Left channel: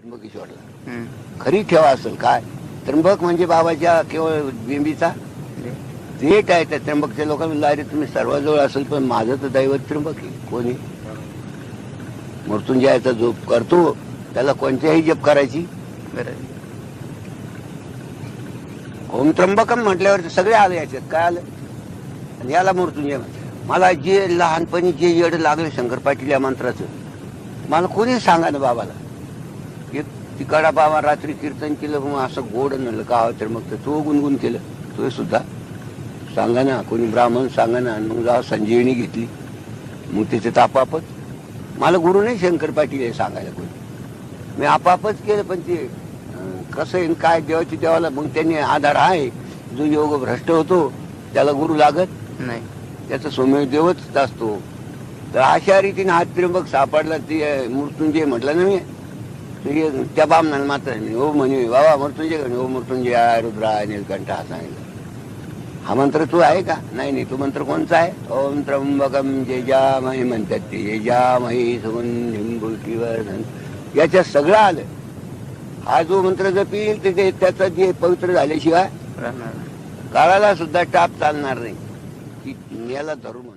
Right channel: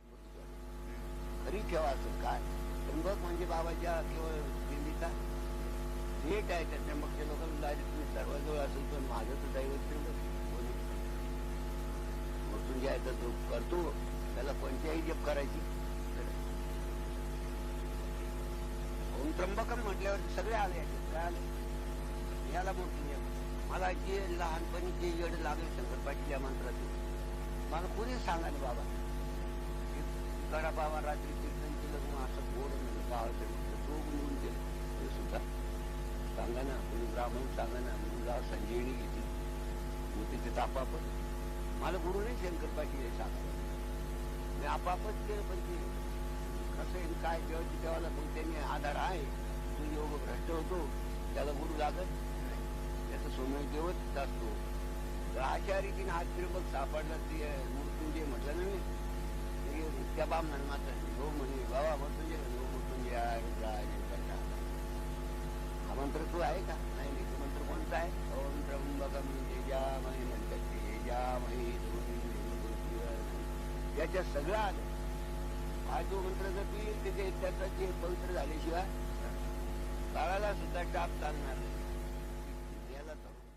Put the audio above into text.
त्र्यंबकेश्वरला. खरी ठेवा असेल काय? त्र्यंबक म्हणजे बाबाच्या केवळ बिंबीचा? देठ आहे त्या त्र्यंबकच्या लोकांना अरे तुम्ही सर्वाजवळ असेल पण माझं तर दैवत त्र्यंबक आहे. कोणी? मृत्युंजयाचा जो करतो त्याला कोणत्याही जप करायची ओम त्र्यंबकम म्हटल्यावर सगळे आले याच्यात. काय आलं? आणि याला मृत्युंजय. मला जे लहानपणी जे येड लागले शंकर पाटील या मंत्राचं मला कोणी सांगा ना बाबाला. एक तिकडा बाबा रात्री कीर्तन केलं मग असं गोड म्हणलं का तर मग तो गुणगुण केलं. तो सुद्धा सांगा ना कोणी ब्राह्मण सांगा ना मग जाऊ संजीवनी घेतली. मग तिथे आपापच मला गुरु नाही शंकर पाटील हे सांगायला कोणी. मी आपापच केलं पण ते कसं आहे काय देवाची देवाला मग त्यांनी आधार आहे. जो योग भ्रष्ट होतो त्याला गुरु लागत नाही. त्याचा सोम्य देवच असतो. तर अशा रीतीने हा त्र्यंबक सापडला ते मृत्युंजय म्हटलं ना मी. त्या बामणाला मात्र नाही. हो म्हणे बाबा मृत्युंजय म्हणे, हो मृत्युंजय आहे, रुद्रा आहे, नीलकंठ हा सांगितलं हा मंत्र तू आहे का नाही नाही तो मंत्र कोणचा आहे ओम त्र्यंबकम जेजामही म्हणतात ते जेजामही सुगंधिम याच्यात सगळं आलं हा जो मंत्र जपील ते ते त्याचा जे पवित्र झाल्याशिवाय. काळाला सुद्धा टाप चालणार नाही की याला धरू म्हणून